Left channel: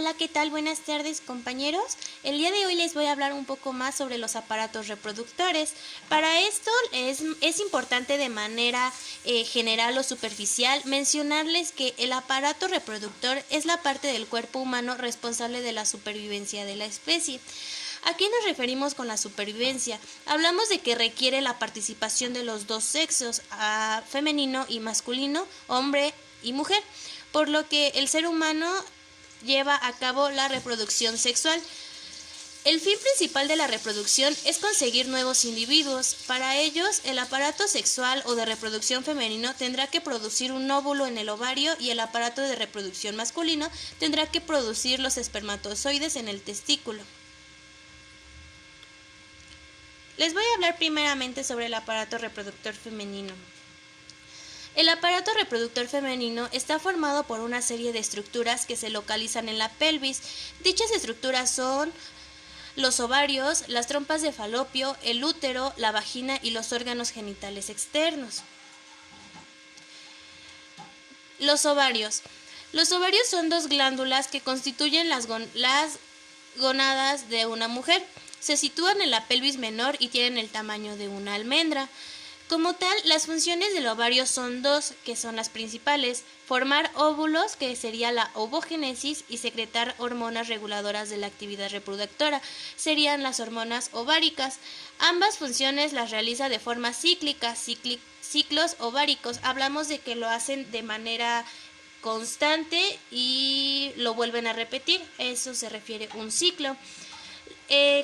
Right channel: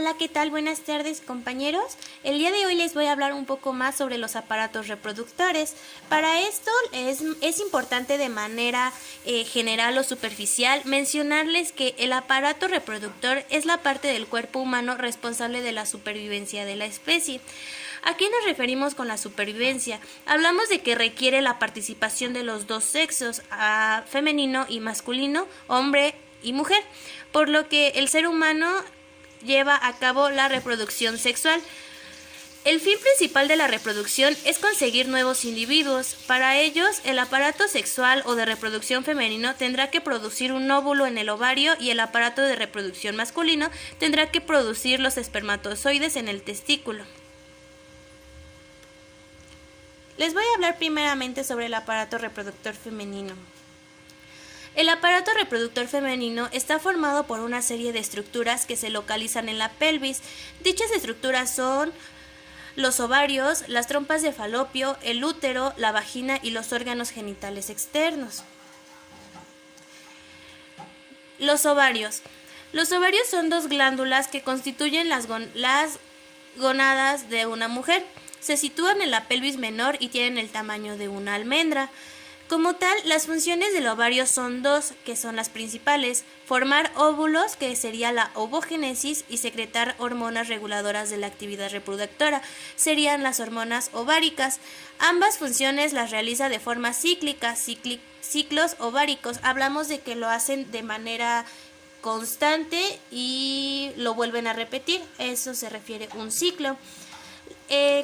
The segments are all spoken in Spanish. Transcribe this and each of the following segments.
Hola, ¿qué tal? Buenas tardes, compañeros. El día de hoy les voy a hablar un poco más sobre los aparatos reproductores. Para esto es importante de manera general o superficial mencionarles que el aparato reproductor es la parte del cuerpo humano responsable de la supervivencia de la especie. ¿A qué nos referimos con la supervivencia? Hablamos de que requiere la participación de los dos sexos, femenino y masculino, hombre y mujer, por lo que el ser humano lleva a cabo la reproducción sexual. El fin principal de la reproducción es conseguir nuevos individuos. Para ellos, el aparato sexual o de reproducción femenino tendrá que producir un óvulo en el ovario y el aparato de reproducción masculino tendrá que producir los espermatozoides en el testículo. Les voy a hablar primeramente sobre el aparato reproductor femenino. El aparato reproductor femenino está formado por una serie de estructuras que se localizan en la pelvis. Dichas estructuras son los ovarios, las trompas de falopio, el útero, la vagina y los órganos genitales externos. Los ovarios. Los ovarios son dos glándulas que constituyen las gónadas de una mujer. Se sitúan en la pelvis menor y tienen el tamaño de una almendra. Como tal, las funciones del ovario son dos, que son las principales: formar óvulos, que sería la ovogénesis, y secretar hormonas reguladoras de la actividad reproductora, serían las hormonas ováricas. Ambas funciones las realiza de forma cíclica, ciclos ováricos. Hablamos de que lo hacen de manera constante y lo vuelven a repetir, eso se refiere a un ciclo.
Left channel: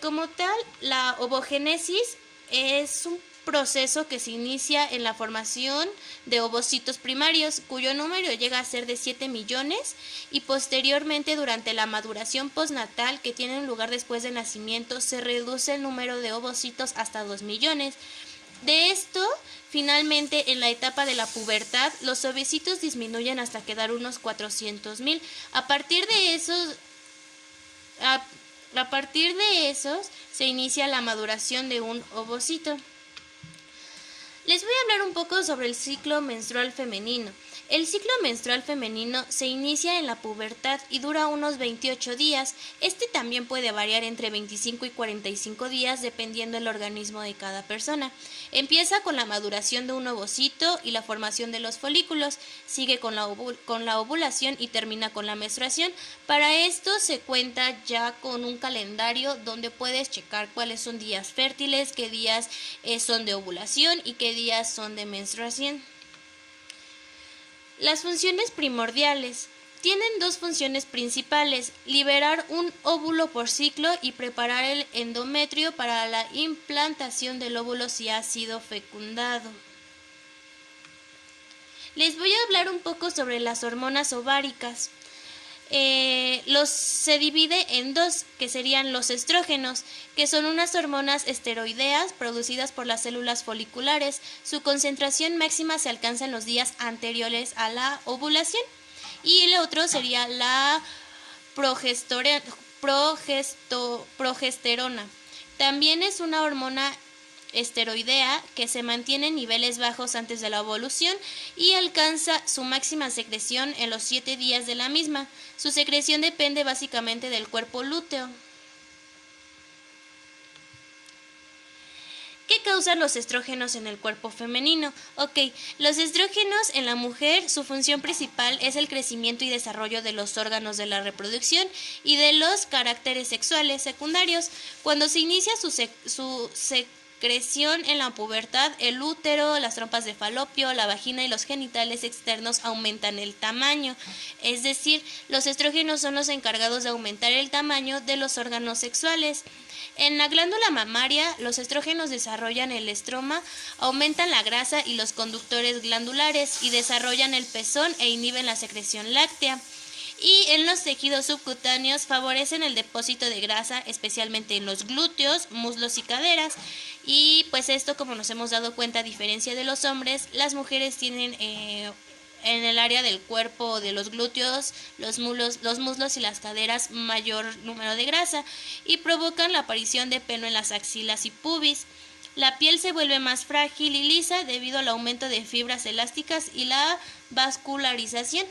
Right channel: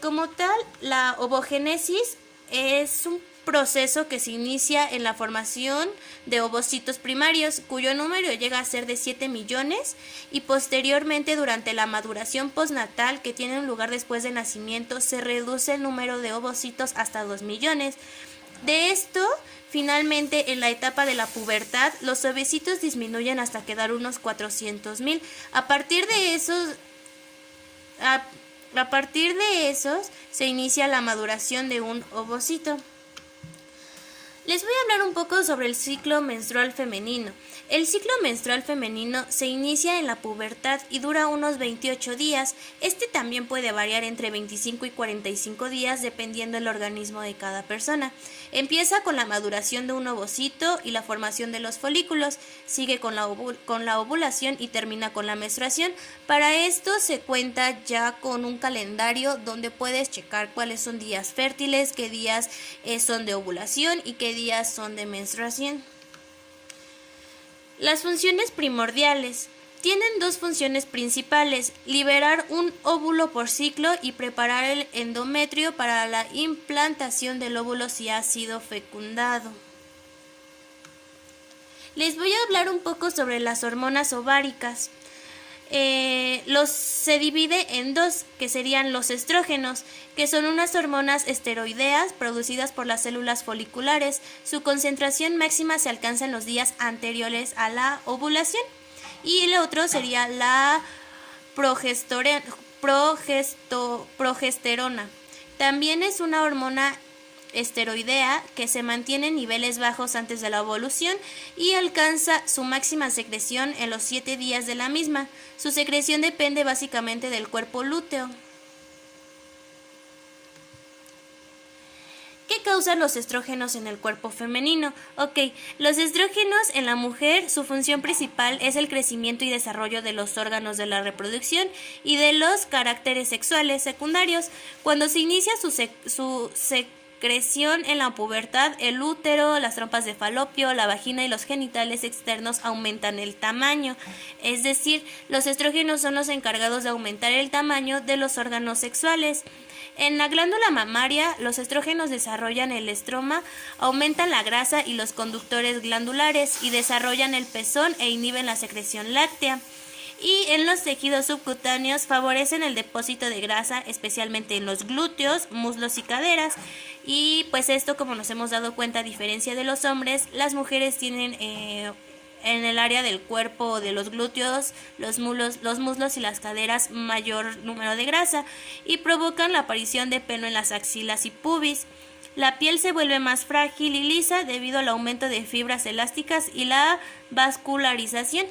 Como tal, la ovogénesis es un proceso que se inicia en la formación de ovocitos primarios, cuyo número llega a ser de 7 millones, y posteriormente, durante la maduración postnatal, que tiene lugar después del nacimiento, se reduce el número de ovocitos hasta 2 millones. De esto, finalmente, en la etapa de la pubertad, los ovocitos disminuyen hasta quedar unos 400,000. A partir de esos se inicia la maduración de un ovocito. Les voy a hablar un poco sobre el ciclo menstrual femenino. El ciclo menstrual femenino se inicia en la pubertad y dura unos 28 días. Este también puede variar entre 25 y 45 días dependiendo del organismo de cada persona. Empieza con la maduración de un ovocito y la formación de los folículos. Sigue con la ovulación y termina con la menstruación. Para esto se cuenta ya con un calendario donde puedes checar cuáles son días fértiles, qué días son de ovulación y qué días son de menstruación. Las funciones primordiales. Tienen dos funciones principales: liberar un óvulo por ciclo y preparar el endometrio para la implantación del óvulo si ha sido fecundado. Les voy a hablar un poco sobre las hormonas ováricas. Se divide en dos, que serían los estrógenos, que son unas hormonas esteroideas producidas por las células foliculares. Su concentración máxima se alcanza en los días anteriores a la ovulación. Y el otro sería la progesterona. También es una hormona esteroidea que se mantiene en niveles bajos antes de la ovulación y alcanza su máxima secreción en los 7 días de la misma. Su secreción depende básicamente del cuerpo lúteo. ¿Qué causan los estrógenos en el cuerpo femenino? Los estrógenos en la mujer, su función principal es el crecimiento y desarrollo de los órganos de la reproducción y de los caracteres sexuales secundarios. Cuando se inicia su secreción en la pubertad, el útero, las trompas de falopio, la vagina y los genitales externos aumentan el tamaño. Es decir, los estrógenos son los encargados de aumentar el tamaño de los órganos sexuales. En la glándula mamaria, los estrógenos desarrollan el estroma, aumentan la grasa y los conductores glandulares y desarrollan el pezón e inhiben la secreción láctea. Y en los tejidos subcutáneos favorecen el depósito de grasa, especialmente en los glúteos, muslos y caderas. Y pues esto, como nos hemos dado cuenta, a diferencia de los hombres, las mujeres tienen en el área del cuerpo de los glúteos, los muslos y las caderas mayor número de grasa y provocan la aparición de pelo en las axilas y pubis. La piel se vuelve más frágil y lisa debido al aumento de fibras elásticas y la vascularización.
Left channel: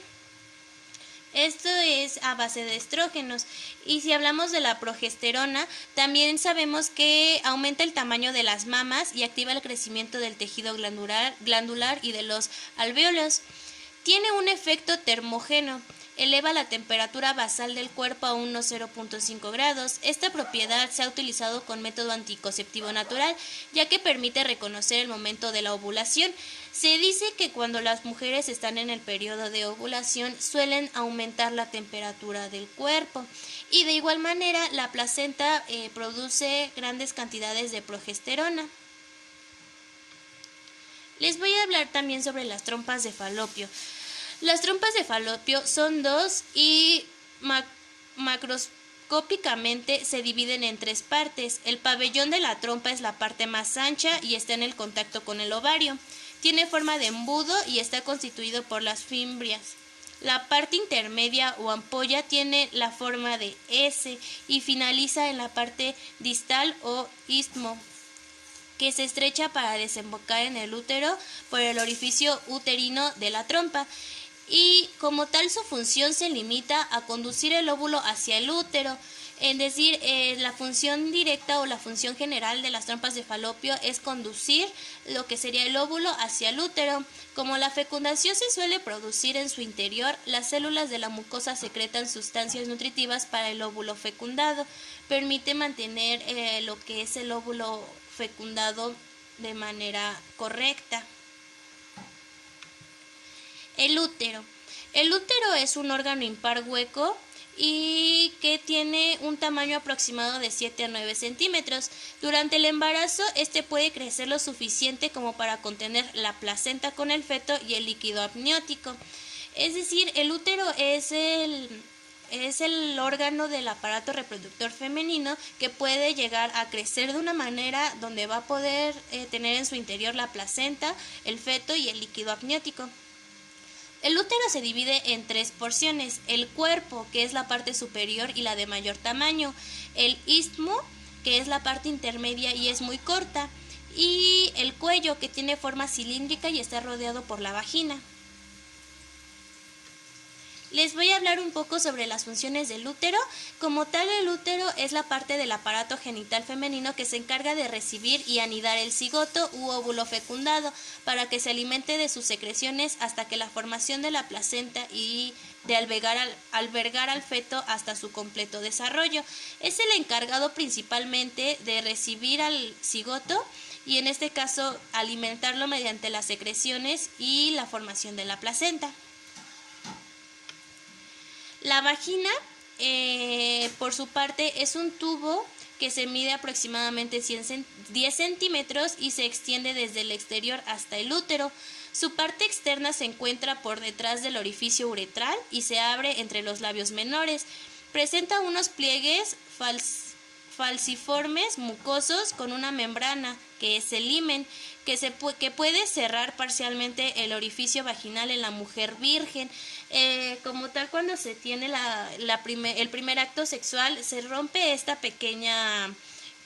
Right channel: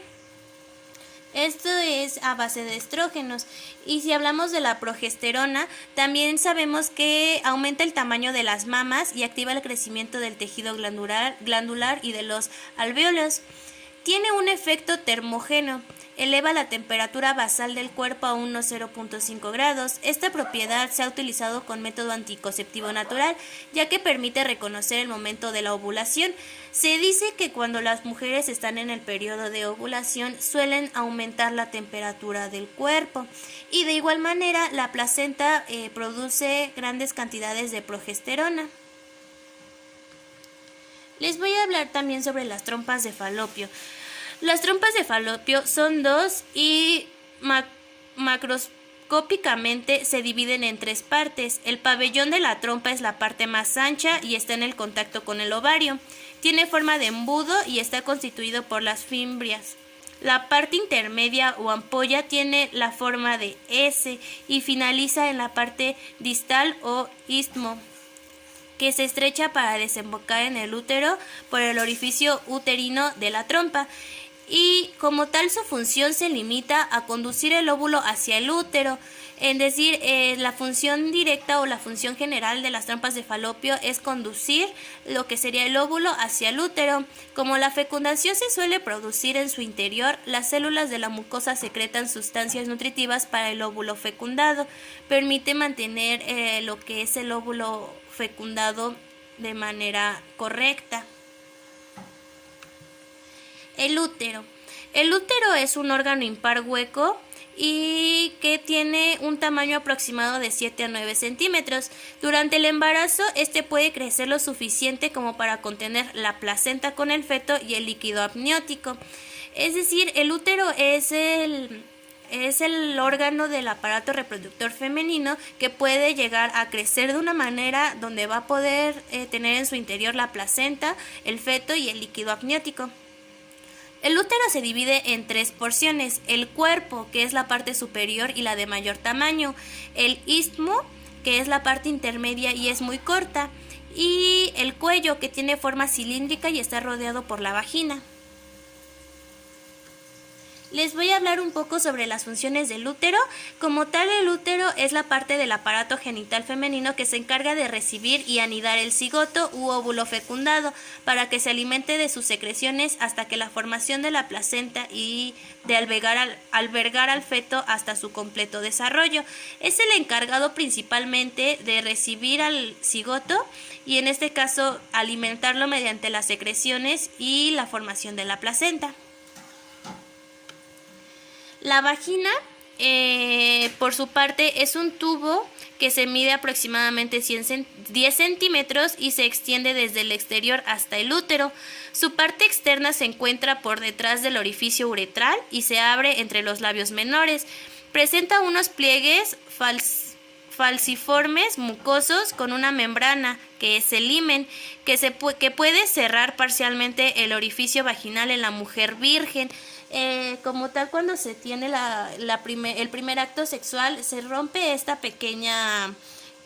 Esto es a base de estrógenos. Y si hablamos de la progesterona, también sabemos que aumenta el tamaño de las mamas y activa el crecimiento del tejido glandular y de los alvéolos. Tiene un efecto termogeno. Eleva la temperatura basal del cuerpo a unos 0.5 grados. Esta propiedad se ha utilizado con método anticonceptivo natural, ya que permite reconocer el momento de la ovulación. Se dice que cuando las mujeres están en el periodo de ovulación suelen aumentar la temperatura del cuerpo. Y de igual manera la placenta produce grandes cantidades de progesterona. Les voy a hablar también sobre las trompas de falopio. Las trompas de falopio son dos y macroscópicamente se dividen en tres partes. El pabellón de la trompa es la parte más ancha y está en el contacto con el ovario. Tiene forma de embudo y está constituido por las fimbrias. La parte intermedia o ampolla tiene la forma de S y finaliza en la parte distal o istmo, que se estrecha para desembocar en el útero por el orificio uterino de la trompa. Y como tal su función se limita a conducir el óvulo hacia el útero, es decir, la función directa o la función general de las trompas de falopio es conducir lo que sería el óvulo hacia el útero. Como la fecundación se suele producir en su interior, las células de la mucosa secretan sustancias nutritivas para el óvulo fecundado. Permite mantener lo que es el óvulo fecundado de manera correcta. El útero. El útero es un órgano impar hueco y que tiene un tamaño aproximado de 7 a 9 centímetros. Durante el embarazo, este puede crecer lo suficiente como para contener la placenta con el feto y el líquido amniótico. Es decir, el útero es el órgano del aparato reproductor femenino que puede llegar a crecer de una manera donde va a poder tener en su interior la placenta, el feto y el líquido amniótico. El útero se divide en tres porciones: el cuerpo, que es la parte superior y la de mayor tamaño; el istmo, que es la parte intermedia y es muy corta; y el cuello, que tiene forma cilíndrica y está rodeado por la vagina. Les voy a hablar un poco sobre las funciones del útero. Como tal, el útero es la parte del aparato genital femenino que se encarga de recibir y anidar el cigoto u óvulo fecundado para que se alimente de sus secreciones hasta que la formación de la placenta y de albergar al feto hasta su completo desarrollo. Es el encargado principalmente de recibir al cigoto y en este caso alimentarlo mediante las secreciones y la formación de la placenta. La vagina, por su parte, es un tubo que se mide aproximadamente 10 centímetros y se extiende desde el exterior hasta el útero. Su parte externa se encuentra por detrás del orificio uretral y se abre entre los labios menores. Presenta unos pliegues falciformes mucosos con una membrana, que es el himen, que puede cerrar parcialmente el orificio vaginal en la mujer virgen. Como tal, cuando se tiene el primer acto sexual, se rompe esta pequeña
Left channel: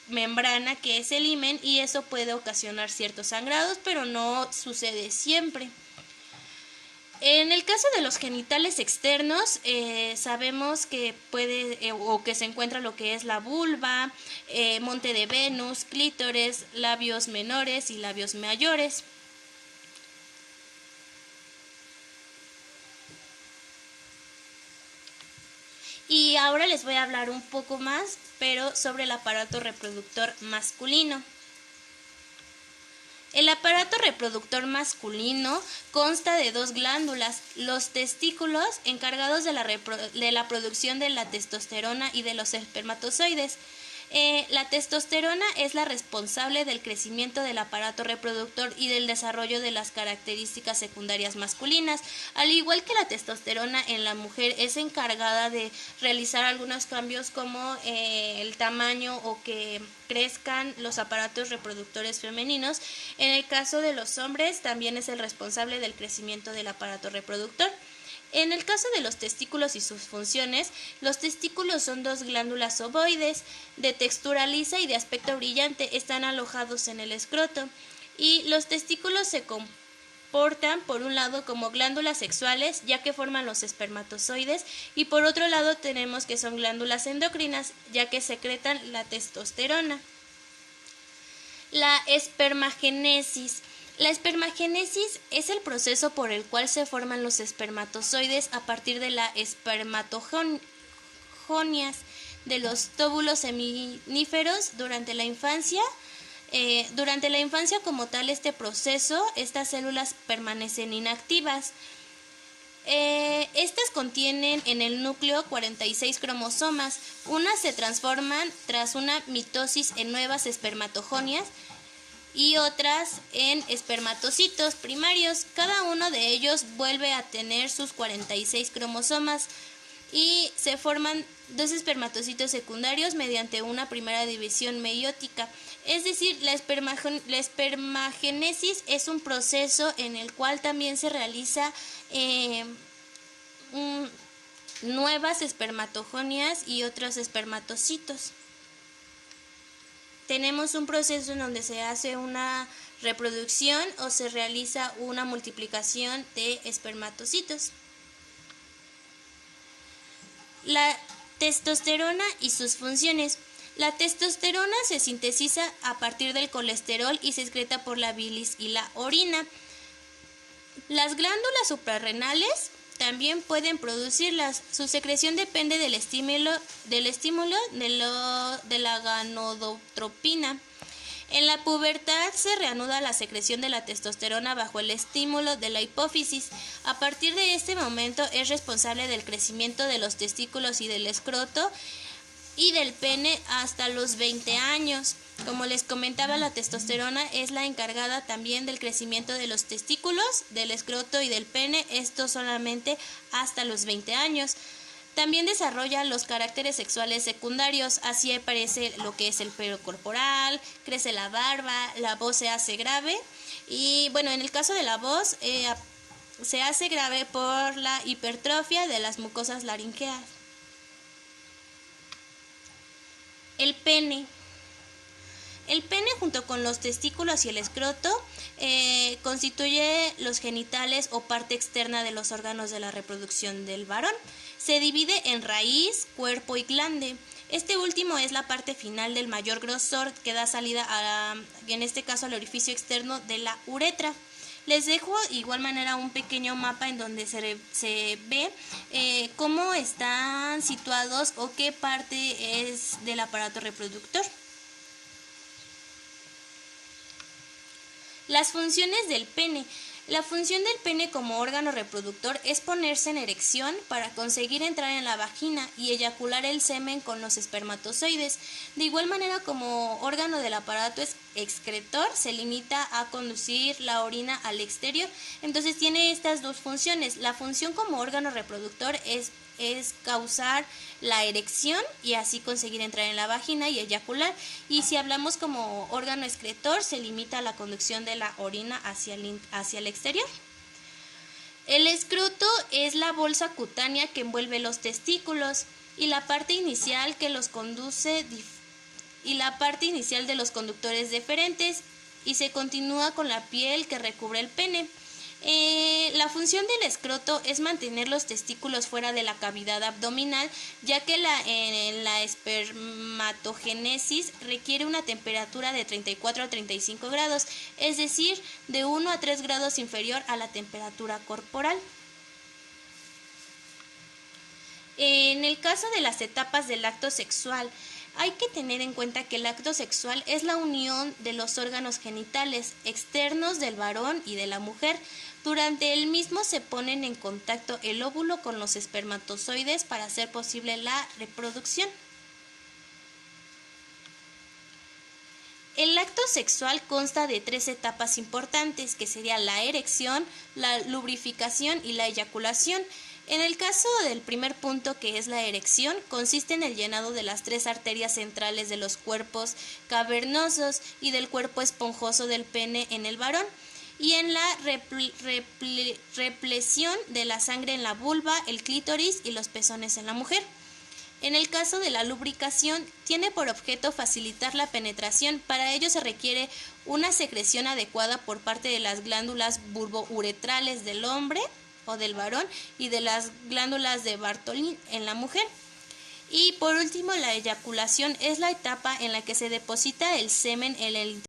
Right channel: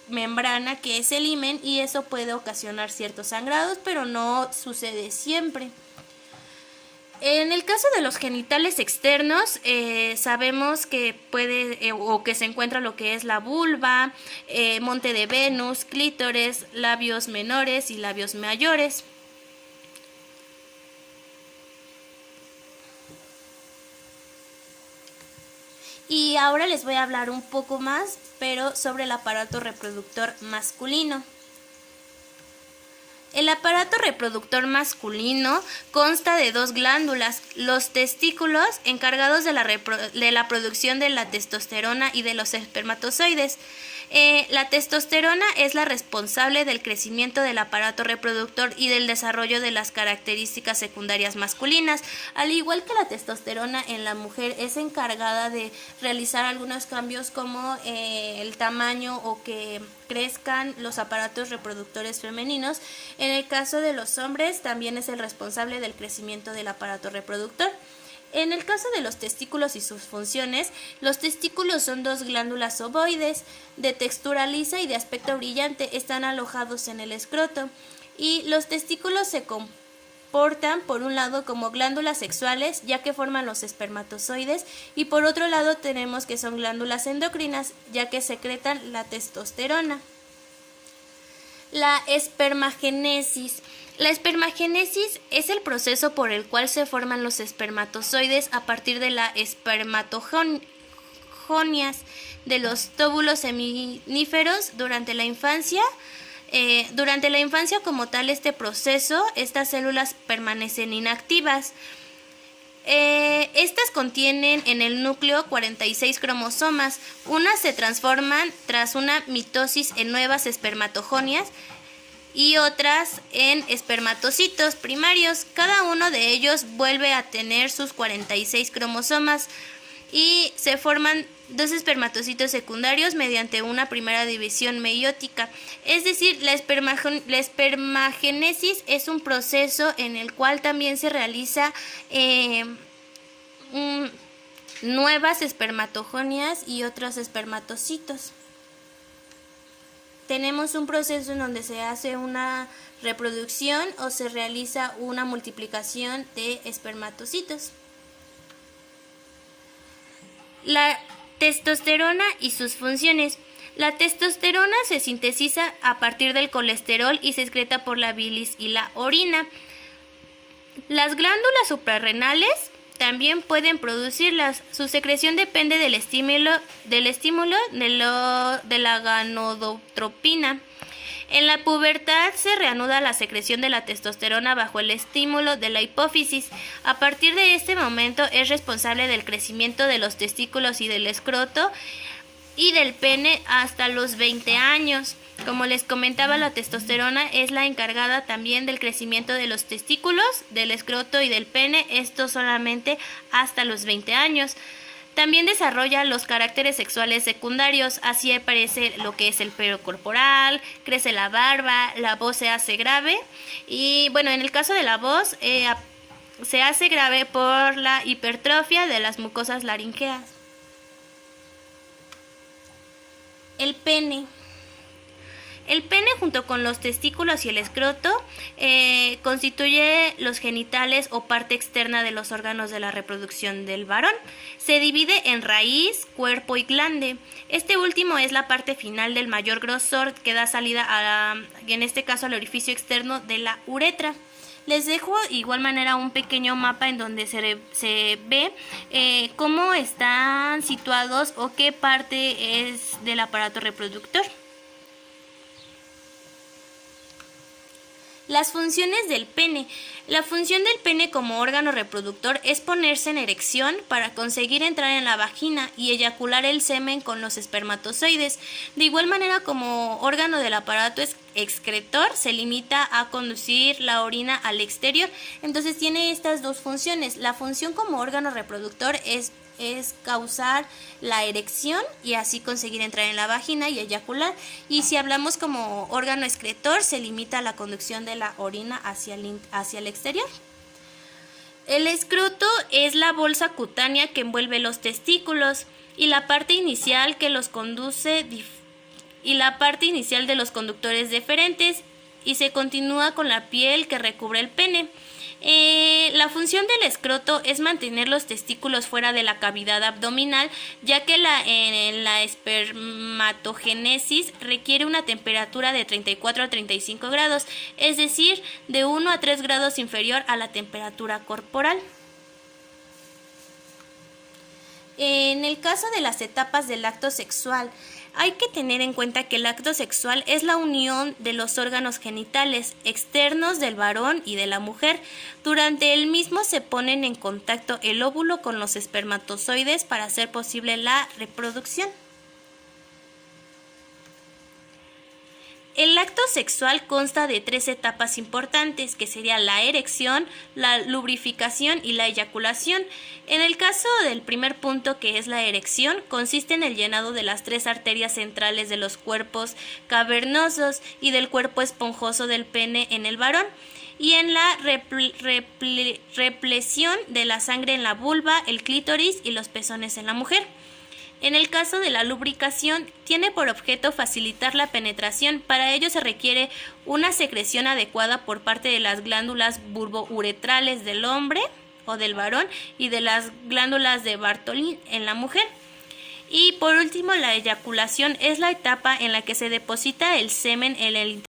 membrana que es el himen y eso puede ocasionar ciertos sangrados, pero no sucede siempre. En el caso de los genitales externos, sabemos que o que se encuentra lo que es la vulva, monte de Venus, clítores, labios menores y labios mayores. Y ahora les voy a hablar un poco más, pero sobre el aparato reproductor masculino. El aparato reproductor masculino consta de dos glándulas: los testículos, encargados de la producción de la testosterona y de los espermatozoides. La testosterona es la responsable del crecimiento del aparato reproductor y del desarrollo de las características secundarias masculinas. Al igual que la testosterona en la mujer es encargada de realizar algunos cambios como el tamaño o que crezcan los aparatos reproductores femeninos, en el caso de los hombres también es el responsable del crecimiento del aparato reproductor. En el caso de los testículos y sus funciones, los testículos son dos glándulas ovoides de textura lisa y de aspecto brillante. Están alojados en el escroto y los testículos comportan por un lado como glándulas sexuales, ya que forman los espermatozoides, y por otro lado tenemos que son glándulas endocrinas, ya que secretan la testosterona. La espermagénesis. La espermagénesis es el proceso por el cual se forman los espermatozoides a partir de la espermatogonias de los tóbulos seminíferos durante la infancia. Como tal este proceso, estas células permanecen inactivas. Estas contienen en el núcleo 46 cromosomas. Unas se transforman tras una mitosis en nuevas espermatogonias y otras en espermatocitos primarios. Cada uno de ellos vuelve a tener sus 46 cromosomas y se forman dos espermatocitos secundarios mediante una primera división meiótica. Es decir, la espermagénesis es un proceso en el cual también se realiza nuevas espermatogonias y otros espermatocitos. Tenemos un proceso en donde se hace una reproducción o se realiza una multiplicación de espermatocitos. La testosterona y sus funciones. La testosterona se sintetiza a partir del colesterol y se excreta por la bilis y la orina. Las glándulas suprarrenales también pueden producirlas. Su secreción depende del estímulo de la gonadotropina. En la pubertad se reanuda la secreción de la testosterona bajo el estímulo de la hipófisis. A partir de este momento es responsable del crecimiento de los testículos y del escroto y del pene hasta los 20 años. Como les comentaba, la testosterona es la encargada también del crecimiento de los testículos, del escroto y del pene, esto solamente hasta los 20 años. También desarrolla los caracteres sexuales secundarios, así aparece lo que es el pelo corporal, crece la barba, la voz se hace grave y bueno, en el caso de la voz se hace grave por la hipertrofia de las mucosas laringeas. El pene. El pene junto con los testículos y el escroto constituye los genitales o parte externa de los órganos de la reproducción del varón. Se divide en raíz, cuerpo y glande. Este último es la parte final del mayor grosor que da salida en este caso al orificio externo de la uretra. Les dejo de igual manera un pequeño mapa en donde se ve cómo están situados o qué parte es del aparato reproductor. Las funciones del pene. La función del pene como órgano reproductor es ponerse en erección para conseguir entrar en la vagina y eyacular el semen con los espermatozoides. De igual manera, como órgano del aparato excretor, se limita a conducir la orina al exterior. Entonces tiene estas dos funciones. La función como órgano reproductor es causar la erección y así conseguir entrar en la vagina y eyacular. Y si hablamos como órgano excretor, se limita a la conducción de la orina hacia el exterior. El escroto es la bolsa cutánea que envuelve los testículos y la parte inicial que los conduce y la parte inicial de los conductores deferentes y se continúa con la piel que recubre el pene. La función del escroto es mantener los testículos fuera de la cavidad abdominal, ya que en la espermatogénesis requiere una temperatura de 34 a 35 grados, es decir, de 1 a 3 grados inferior a la temperatura corporal. En el caso de las etapas del acto sexual, hay que tener en cuenta que el acto sexual es la unión de los órganos genitales externos del varón y de la mujer. Durante el mismo se ponen en contacto el óvulo con los espermatozoides para hacer posible la reproducción. El acto sexual consta de 3 etapas importantes, que serían la erección, la lubrificación y la eyaculación. En el caso del primer punto, que es la erección, consiste en el llenado de las 3 arterias centrales de los cuerpos cavernosos y del cuerpo esponjoso del pene en el varón, y en la represión de la sangre en la vulva, el clítoris y los pezones en la mujer. En el caso de la lubricación, tiene por objeto facilitar la penetración. Para ello se requiere una secreción adecuada por parte de las glándulas burbouretrales del hombre o del varón y de las glándulas de Bartholin en la mujer. Y por último, la eyaculación es la etapa en la que se deposita el semen en el